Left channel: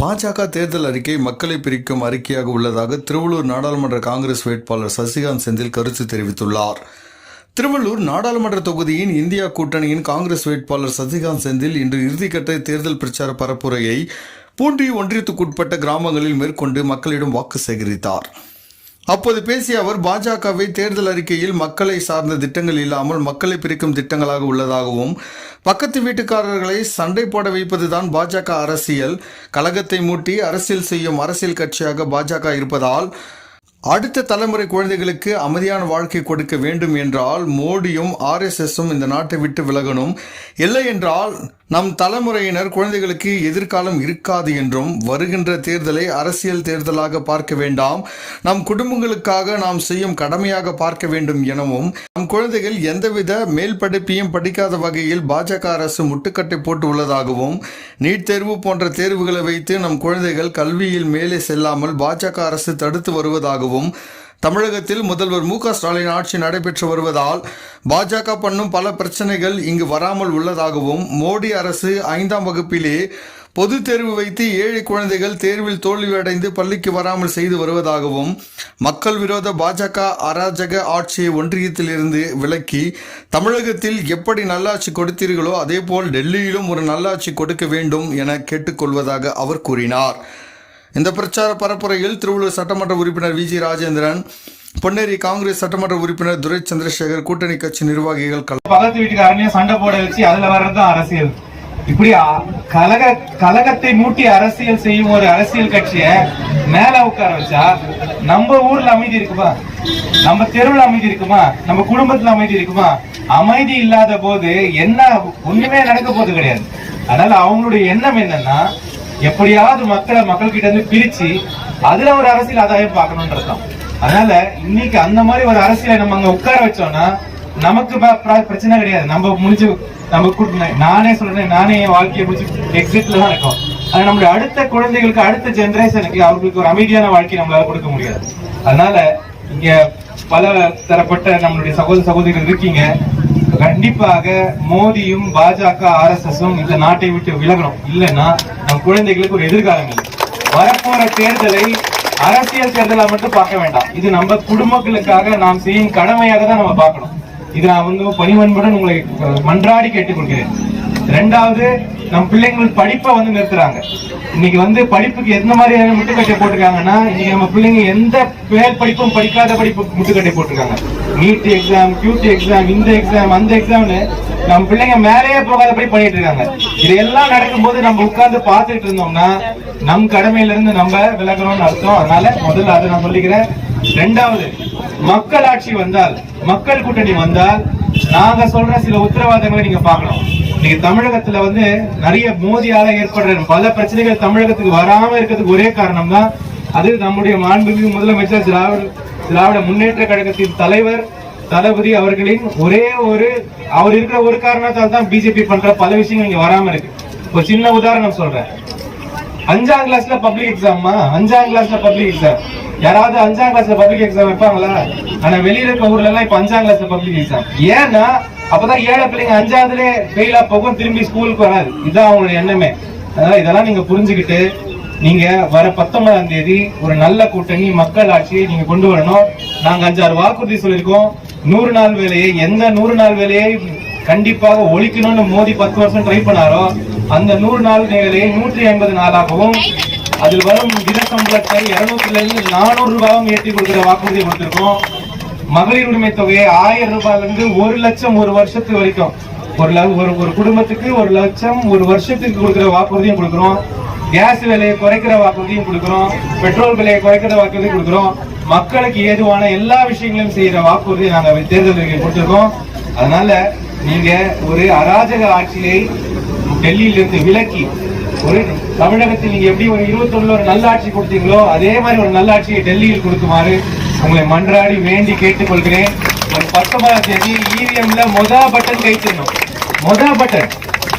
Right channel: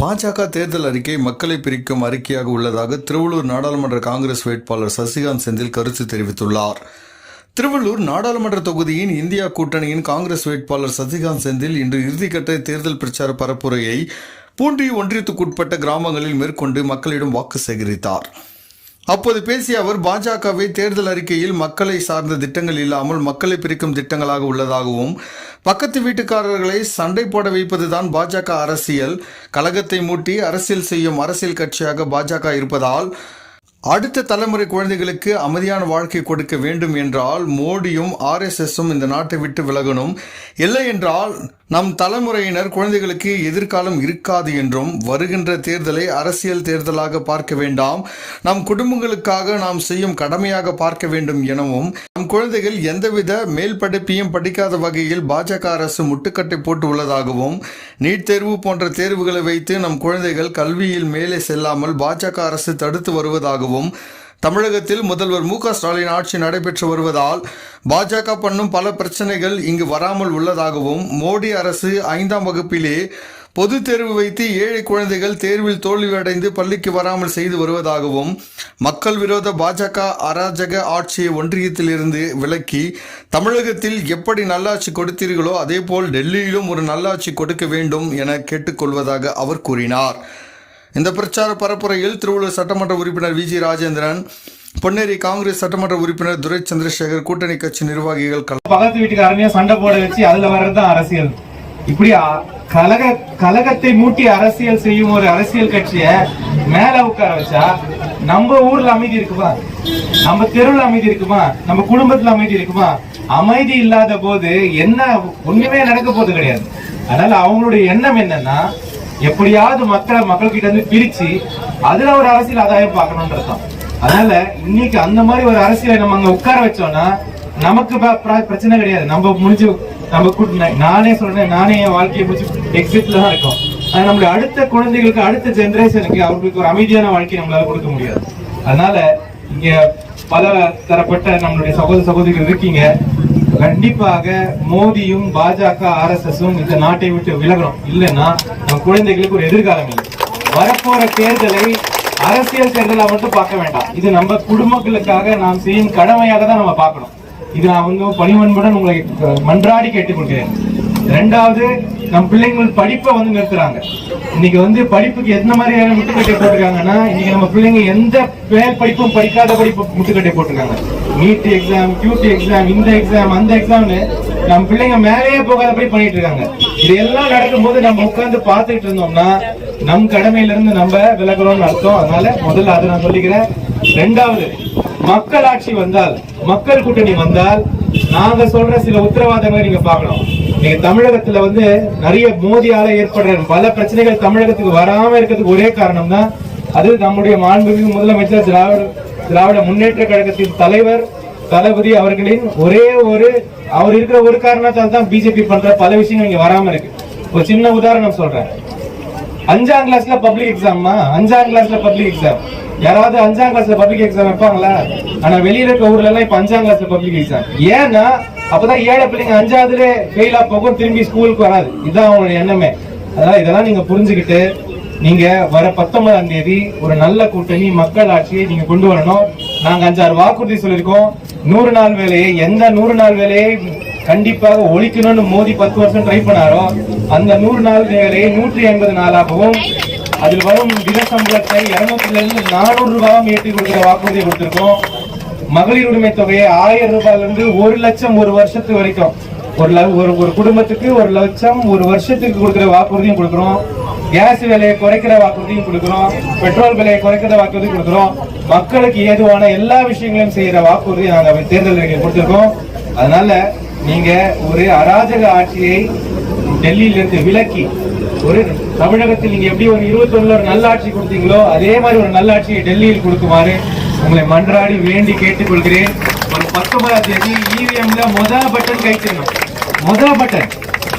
பாஜக தேர்தல் அறிக்கை மக்களை பிரிக்கும் அறிக்கையாக உள்ளதாக திருவள்ளூர் நாடாளுமன்ற காங்கிரஸ் வேட்பாளர் சசிகாந்த் செந்தில் கருத்து தெரிவித்துள்ளார். திருவள்ளூர் நாடாளுமன்ற தொகுதியின் இந்தியா கூட்டணியின் காங்கிரஸ் வேட்பாளர் சசிகாந்த் செந்தில் இன்று இறுதிக்கட்ட தேர்தல் பிரச்சார பரப்புரையை பூண்டி ஒன்றியத்துக்குட்பட்ட கிராமங்களில் மேற்கொண்டு மக்களிடம் வாக்கு சேகரித்தார். அப்போது பேசிய அவர், பாஜகவை தேர்தல் அறிக்கையில் மக்களை சார்ந்த திட்டங்கள் இல்லாமல் மக்களை பிரிக்கும் திட்டங்களாக உள்ளதாகவும், பக்கத்து வீட்டுக்காரர்களை சண்டை போட வைப்பதுதான் பாஜக அரசியல், கலகத்தை மூட்டி அரசியல் செய்யும் அரசியல் கட்சியாக பாஜக இருப்பதால் அடுத்த தலைமுறை குழந்தைகளுக்கு அமைதியான வாழ்க்கை கொடுக்க வேண்டும் என்றால் மோடியும் RSSம் இந்த நாட்டை விட்டு விலகணும், இல்லை என்றால் நம் தலைமுறையினர் குழந்தைகளுக்கு எதிர்காலம் இருக்காது என்றும், வருகின்ற தேர்தலை அரசியல் தேர்தலாக பார்க்க வேண்டாம், நம் குடும்பங்களுக்காக நாம் செய்யும் கடமையாக பார்க்க வேண்டும் எனவும், நம் குழந்தைகள் எந்தவித மேல் படிப்பையும் படிக்காத வகையில் பாஜக அரசு முட்டுக்கட்டை போட்டு உள்ளதாகவும், நீட் தேர்வு போன்ற தேர்வுகளை வைத்து நம் குழந்தைகள் கல்வியில் மேலே செல்லாமல் பாஜக அரசு தடுத்து வருவதாகவும், தமிழகத்தில் முதல்வர் மு.க.ஸ்டாலின் ஆட்சி நடைபெற்று வருவதால் பாஜக பண்ணும் பல பிரச்சனைகள் இங்கு வராமல் உள்ளதாகவும், மோடி அரசு 5ஆம் வகுப்பிலே பொது தேர்வு வைத்து ஏழை குழந்தைகள் தேர்வில் தோல்வியடைந்து பள்ளிக்கு வராமல் செய்து வருவதாகவும், மக்கள் விரோத பாஜக அராஜக ஆட்சியை ஒன்றியத்திலிருந்து விலக்கி தமிழகத்தில் எப்படி நல்லாட்சி கொடுத்தீர்களோ அதேபோல் டெல்லியிலும் ஒரு நல்லாட்சி கொடுக்க வேண்டும் என கேட்டுக்கொள்வதாக அவர் கூறினார். இந்த பிரச்சார பரப்புரையில் திருவள்ளூர் சட்டமன்ற உறுப்பினர் VG ராஜேந்திரன், பொன்னேரி காங்கிரஸ் சட்டமன்ற உறுப்பினர் துரை சந்திரசேகர், கூட்டணி கட்சி நிர்வாகிகள், பக்கத்து வீட்டுக்காரனையும் சண்டை போட வச்சு அதுல வர்றதுதான் அரசியல். இப்படி கலகத்தை மூட்டி அரசியல் செய்யும் ஒரு அரசியல் கட்சிய மேல உட்கார வச்சா நம்ம ஊர்ல அமைதி இருக்குமா, நம்ம தெருவுல அமைதி இருக்குமா, நம்ம குடும்பத்துல அமைதி இருக்குமா? அமைதி இல்லாத போது என்ன ஒண்ணுமே நடக்க போது கிடையாது. அதனால அவங்களுடைய எண்ணம் என்னன்னா, எப்படியாவது மக்கள் கிட்ட இருந்து பிரிச்சு அதுல ஒரு அரசியல் ஆதாயம் பார்க்கணும்ன்றதுதான். அதனால இன்னைக்கு அந்த மாதிரி ஒரு அரசியலை நம்ம அங்க உட்கார வச்சோம்னா நமக்கு பிரச்சனை கிடையாது. நம்ம முடிஞ்சு நானே சொல்றேன், நானே என் வாழ்க்கையை முடிச்சு எக்ஸிட்ல தான் இருக்கோம். அது நம்மளுடைய அடுத்த குழந்தைகளுக்கு, அடுத்த ஜெனரேஷனுக்கு அவர்களுக்கு ஒரு அமைதியான வாழ்க்கை நம்மளால கொடுக்க முடியாது. அதனால இங்க பல தரப்பட்ட நம்மளுடைய சகோதரிகள் இருக்கீங்க. கண்டிப்பாக மோடியும் பாஜக RSSம் இந்த நாட்டை விட்டு விலகணும். இல்லைன்னா நம் குழந்தைகளுக்கு ஒரு எதிர்காலம் இல்லை. வரப்போற தேர்தலை அரசியல் தேர்தலா மட்டும் பார்க்க வேண்டாம். இது நம்ம குடும்பங்களுக்காக நாம் செய்யும் கடமையாக தான் நம்ம பார்க்கணும். இது நான் பணிவன்புடன் உங்களை மன்றாடி கேட்டுக்கொள்கிறேன். இரண்டாவது, நம் பிள்ளைங்கள் படிப்பை நிறுத்துறாங்க. இன்னைக்கு படிப்புக்கு எந்த மாதிரி முட்டுக்கட்டை போட்டிருக்காங்கன்னா, இன்னைக்கு நம்ம பிள்ளைங்க எந்த மேல் படிப்பும் படிக்காத படிப்பு முட்டுக்கட்டை போட்டிருக்காங்க. நீட் எக்ஸாம், QT எக்ஸாம், இந்த எக்ஸாம், அந்த எக்ஸாம்னு நம்ம பிள்ளைங்க மேலேயே போகாதபடி பண்ணிட்டு இருக்காங்க. இதெல்லாம் நடக்கும்போது நம்ம உட்கார்ந்து பார்த்துட்டு இருந்தோம்னா நம் கடமையில இருந்து நம்ம விலகிறோம்னு அர்த்தம். அதனால முதல்ல அதை நான் சொல்லிக்கிறேன். இரண்டாவது, மக்கள் ஆட்சி வந்தால், மக்கள் கூட்டணி வந்தால் நாங்க சொல்ற சில உத்தரவாதங்களை நீங்க பார்க்கணும். நீங்க தமிழகத்துல நிறைய மோதியால ஏற்படுற பல பிரச்சனைகள் தமிழகத்துக்கு வராம இருக்கிறதுக்கு ஒரே காரணம் தான், அது நம்முடைய மாண்புமிகு முதலமைச்சர் திராவிட முன்னேற்ற கழகத்தின் தலைவர் தளபதி அவர்களின் அவர் இருக்கிற ஒரு காரணத்தால் தான் பிஜேபி பண்ற பல விஷயங்கள் இங்க வராம இருக்கு. ஒரு சின்ன உதாரணம் சொல்றேன். 5ஆம் கிளாஸ்ல பப்ளிக் எக்ஸாமா? 5ஆம் கிளாஸ்ல பப்ளிக் எக்ஸாம் யாராவது 5ஆம் கிளாஸ்ல பப்ளிக் எக்ஸாம் வைப்பாங்களா? ஆனா வெளியில இருக்க ஊர்ல எல்லாம் இப்ப 5ஆம் கிளாஸ்ல பப்ளிக் எக்ஸாம். ஏன்னா அப்பதான் ஏழை பிள்ளைங்க 5ஆவதுல ஃபெயிலா போகும், திரும்பி ஸ்கூலுக்கு வராது. இதுதான் அவங்களுடைய எண்ணமே. அதனால இதெல்லாம் நீங்க புரிஞ்சுக்கிட்டு நீங்க வர 19ஆம் தேதி ஒரு நல்ல கூட்டணி மக்கள் ஆட்சியை நீங்க கொண்டு வரணும். நாங்க 5-6 வாக்குறுதி சொல்லியிருக்கோம். 100 நாள் வேலையை, எந்த 100 நாள் வேலையை கண்டிப்பாக ஒழிக்கணும்னு மோடி 10 வருஷம் ட்ரை பண்ணாரோ அந்த 100 நாள் வேலையை 180 நாளாகவும், அதில் வரும் தின சம்பளத்தை 200 400 ரூபாயும் ஏற்றி கொடுக்கிற வாக்குறுதியை கொடுத்திருக்கோம். மகளிர் உரிமை தொகையை 1000 ரூபாயிலிருந்து 1 லட்சம் ஒரு வருஷத்துக்கு வரைக்கும், ஒரு குடும்பத்துக்கு 1 லட்சம் ஒரு வருஷத்துக்கு கொடுக்கிற வாக்குறுதியும் கொடுக்கிறோம். கேஸ் விலையை குறைக்கிற வாக்குறுதியும் கொடுக்கிறோம். பெட்ரோல் விலையை குறைக்கிற வாக்குறுதியும் கொடுக்கிறோம். மக்களுக்கு ஏதுவான எல்லா விஷயங்களையும் செய்யற வாக்குறுதியை நாங்க தேர்தல் கொடுத்திருக்கோம். அதனால நீங்க ஒரு அராஜக ஆட்சியை டெல்லியில இருந்து விலக்கி ஒரு தமிழகத்தில் நீங்க எப்படி ஒரு 21 ஒரு நல்ல ஆட்சி கொடுத்தீங்களோ அதே மாதிரி ஒரு நல்ல ஆட்சியை டெல்லியில் கொடுக்குமாறு உங்களை மன்றாடி வேண்டி கேட்டுக்கொள்கிறேன். 19ஆம் தேதி EVMல முதல் பட்டன் கைச்சிடணும். முதல் பட்டன்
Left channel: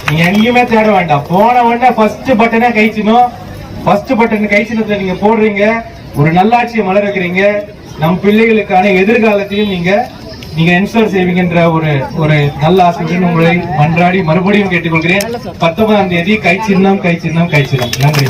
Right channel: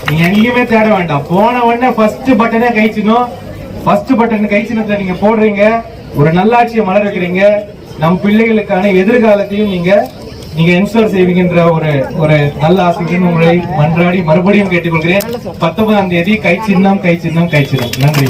நீங்க எங்கேயுமே தேட வேண்டாம். போன உடனே ஃபர்ஸ்ட் பட்டனை கைச்சிடணும். ஃபர்ஸ்ட் பட்டன் கைச்சினத்தை நீங்க போடுறீங்க, ஒரு நல்லாட்சியை மலர வைக்கிறீங்க. நம் பிள்ளைகளுக்கான எதிர்காலத்தையும் நீங்க என்ஷூர் செய்வீங்கன்ற ஒரு நல்ல ஆசையுடன் உங்களை மன்றாடி மறுபடியும் கேட்டுக்கொள்கிறேன். 19ஆம் தேதி கை சின்னம். நன்றி.